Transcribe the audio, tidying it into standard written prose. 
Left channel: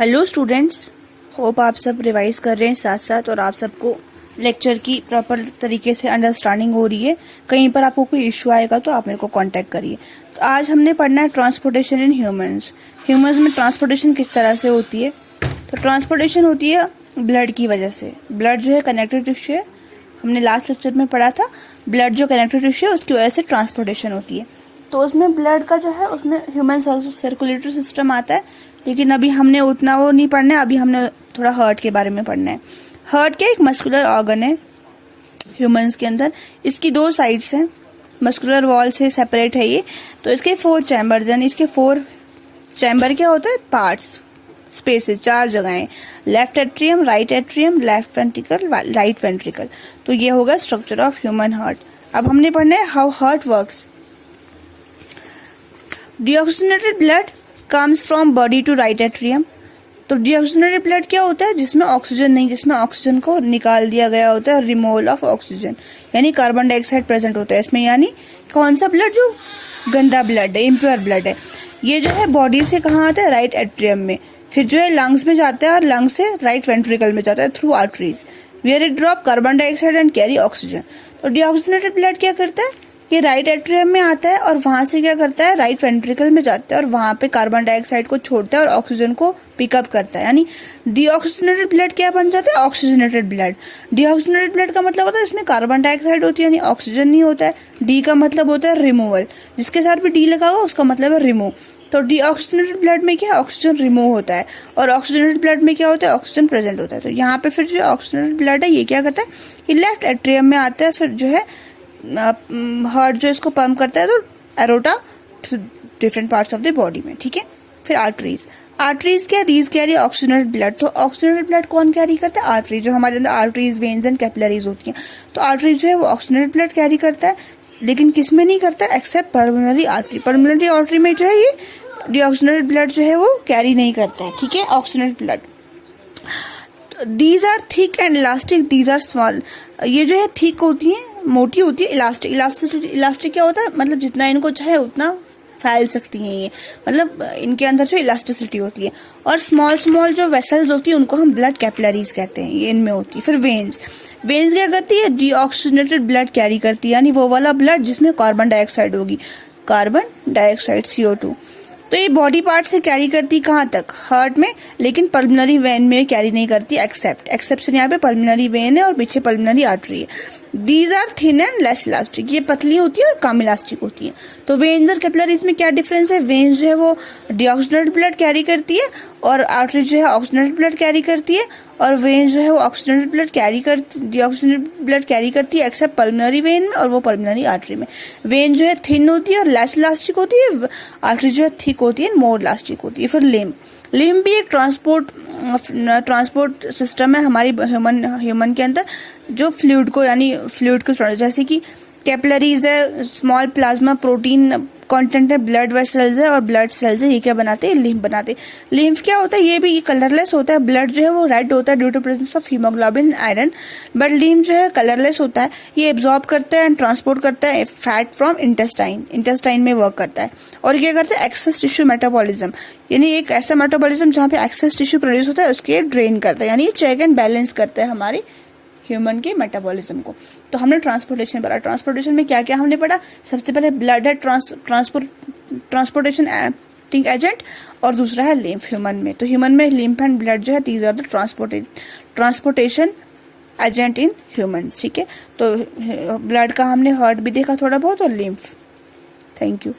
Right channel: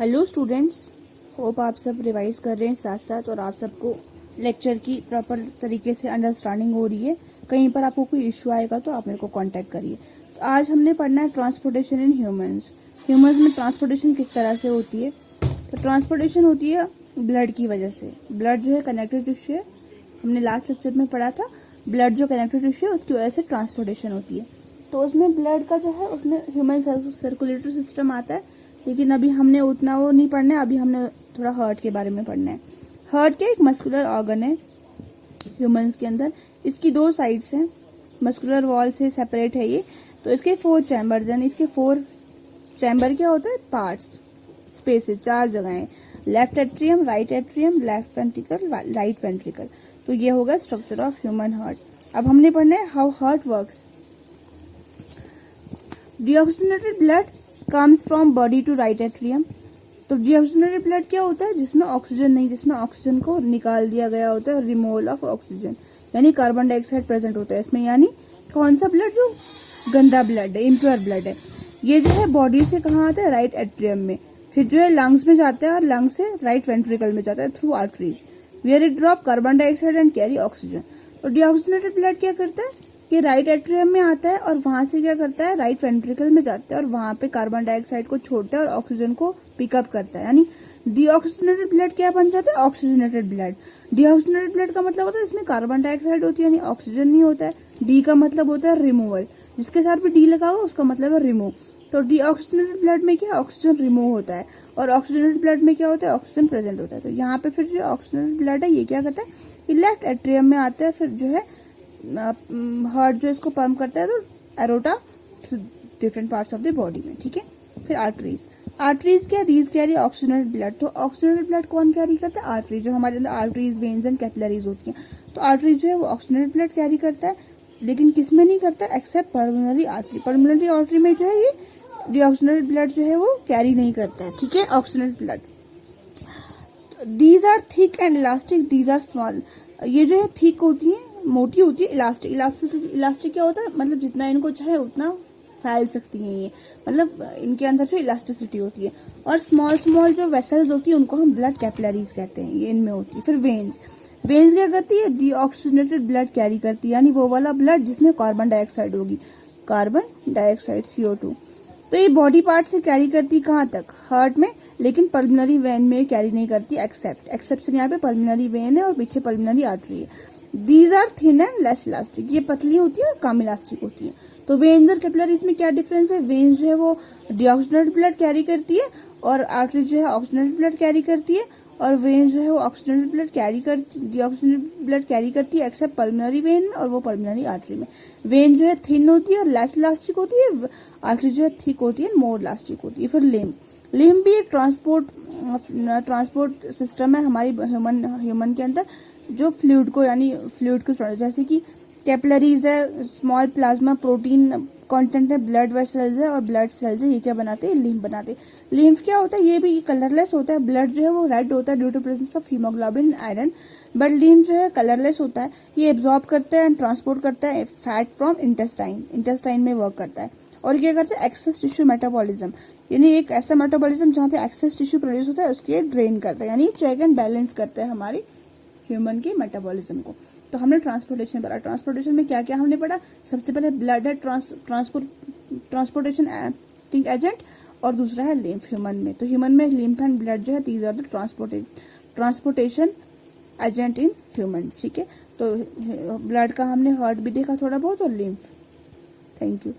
Hello students, hope आप सब revise कर रहे हैं साथ साथ और आप सबको लेक्चर की प्रॉपर तरीके से अंडरस्टैंडिंग हो रही है। कहीं पर आपको कोई इश्यू आएगा तो आप मेरे को कांटेक्ट करिए। तो आज हमने पढ़ना है ट्रांसपोर्टेशन इन ह्यूमंस। ह्यूमंस में ट्रांसपोर्टेशन किस तरह से होती है। तो ट्रांसपोर्टेशन होती है ब्लड की वजह से। ब्लड जो है कनेक्टिव टिश्यू है, हमने लास्ट लेक्चर में पढ़ा था। ब्लड जो कनेक्टिव टिश्यू है उसकी वजह से ट्रांसपोर्टेशन होती है। तो उसमें ब्लड का जो है उसमें ह्यूमन सर्कुलेटरी सिस्टम आता है, लेकिन अभी हमने उतना वो नहीं पढ़ना है। अभी हमने थोड़ा हार्ट के बारे में पढ़ना है। हार्ट क्या एक मस्कुलर ऑर्गन है ह्यूमंस के अंदर। इसकी दो साइड्स हैं, मस्कुलर वॉल से सेपरेट है ये। तो इसके 4 चैम्बर्स हैं। इसके 4 चैम्बर क्या होता है, पार्ट्स, स्पेसेस, 4 जगहें, left atrium, right atrium, left ventricle, right ventricle. तो ये होगा स्ट्रक्चर ऑफ ह्यूमन हार्ट। अब हमने पढ़ना है how heart works. Deoxygenated blood comes from body to right atrium. तो डीऑक्सीजनेटेड ब्लड क्या होता है, जिसमें ऑक्सीजन नहीं, जिसमें ऑक्सीजन को निकाल दिया गया होता है, रिमूवल ऑफ ऑक्सीजन, यानी कार्बन डाइऑक्साइड प्रेजेंट होता है इसमें। यानी कौन सा ब्लड, जो गंदा ब्लड है, इम्प्योर ब्लड है, ये जो है बॉडी से कहाँ आता है, राइट एट्रियम में। फिर जो है लंग्स में जाता है और लंग्स से राइट वेंट्रिकल में जाता है through arteries, where it drop carbon dioxide and carry oxygen. तो डीऑक्सीजनेटेड ब्लड क्या करता है, ये राइट एट्रियम में आता है और वहां से क्या करता है, राइट वेंट्रिकल में जाता है और वहां पे कार्बन डाइऑक्साइड को छोड़ता है और ऑक्सीजन को पिकअप करता है। यानी डीऑक्सीजनेटेड ब्लड क्या बन जाता है, ऑक्सीजनेटेड ब्लड। डीऑक्सीजनेटेड ब्लड का मतलब होता है इसमें कार्बन डाइऑक्साइड होती है, यानी ऑक्सीजन नहीं होता है। डी का मतलब होता है रिमूवल, जिसके साथ भी डी लगा होगा उसका मतलब है रिमूव। तो डीऑक्सीजनेटेड ब्लड में क्या, ऑक्सीजन रिमूव होता है, और ऑक्सीजनेटेड ब्लड में क्या होता है, ऑक्सीजन प्रेजेंट होता है। तो यहाँ पे फिर जो ऑक्सीजनेटेड ब्लड है ये क्या करता है, ये लेफ्ट एट्रियम में आता है। फिर जो है हार्ट जो इसको पंप करता है तो aorta different parts of the body में, ठीक है। फिर आर्टरीज, आर्टरीज क्या, दीज कैरी ऑक्सीजनेटेड ब्लड। तो ऑक्सीजनेटेड ब्लड कौन कैरी करता है, आर्टरी। जो हमारे अंदर आर्टरीज, वेन्स एंड कैपिलरीज होती हैं, तो आर्टरी जो है वो ऑक्सीजनेटेड ब्लड कैरी करता है, लेकिन किस में नहीं करता है, accept pulmonary artery. Pulmonary artery में जो है ये डीऑक्सीजनेटेड ब्लड जो है वो कैरी नहीं करता है, ठीक है, oxygenated blood. These are thick and elastic, these are small. ये जो है थिक होती है, मोटी होती है, इलास्टिक। इलास्टिक क्या होता है, मतलब जितना इनको चाहे उतना फैल सकती हैं ये, मतलब इनके अंदर जो इलास्टिसिटी होती है। और स्मॉल स्मॉल जो वेसल्स होती है उनको हम ब्लड कैपिलरीज कहते हैं, ये इनमें होती है। फिर वेन्स, वेन्स क्या करती है, डीऑक्सीजनेटेड ब्लड कैरी करती है, यानी वो वाला ब्लड जिसमें कार्बन डाइऑक्साइड होगी, कार्बन डाइऑक्साइड CO2। तो ये बॉडी पार्ट से कैरी करती कहाँ तक, हार्ट में, लेकिन पल्मोनरी वेन में कैरी नहीं करती, एक्सेप्शन यहाँ पे पल्मोनरी वेन है और पीछे पल्मोनरी आर्टरी है। These are thin and less elastic, ये पतली होती है और कम इलास्टिक होती है। तो वेन्स और कैपिलरीज में क्या डिफरेंस है, वेन्स जो है वो डीऑक्सीजनेटेड ब्लड कैरी करती है और आर्टरी जो है ऑक्सीजनेटेड ब्लड कैरी करती है, और वेन्स जो है वो ऑक्सीजनेटेड ब्लड कैरी करती, डीऑक्सीजनेटेड ब्लड कैरी करती है एक्सेप्ट पल्मोनरी वेन में और वो पल्मोनरी आर्टरी में। वेन जो है थिन होती है और लेस इलास्टिक होती है, आर्टरी जो है थिक होती है, मोर इलास्टिक होती है। फिर लिम्ब भी एक ट्रांसपोर्ट सिस्टम है हमारी ह्यूमन के अंदर, जो फ्लूइड को, यानी फ्लूइड को, जैसे कि कैपिलरीज है, स्मॉल प्लाज्मा प्रोटीन कंटेंट है, ब्लड वेसल्स है और ब्लड सेल्स है, ये क्या बनाते हैं, लिम्फ बनाते हैं। लिम्फ क्या होता है, ये भी कलरलेस होता है। ब्लड जो है वो रेड होता है due to presence of haemoglobin iron, but lymph जो है कलरलेस होता है। ये एब्जॉर्ब करता है एंड ट्रांसपोर्ट करता है फैट फ्रॉम इंटेस्टाइन में वर्क करता है। और ये क्या करता है, एक्सेस टिश्यू मेटाबॉलिज्म, यानी एक ऐसा मेटाबॉलिज्म जहाँ पे एक्सेस टिश्यू प्रोड्यूस होता है उसके ड्रेन करता है, यानी ये चेक एंड बैलेंस करता है हमारे ह्यूमन के मेटाबॉलिज्म को। तो हमने ट्रांसपोर्टेशन पढ़ा। ट्रांसपोर्टेशन में क्या क्या हमने पढ़ा, सबसे पहले ब्लड है ट्रांसपोर्टेशन एजेंट, और दूसरा है लिम्फ ह्यूमन में। तो ह्यूमन में लिम्फ एंड ब्लड जो है these are the transportation agent in humans, ठीक है। तो ब्लड का हमने हार्ट भी देखा थोड़ा बहुत, और लिम्फ। Thank you.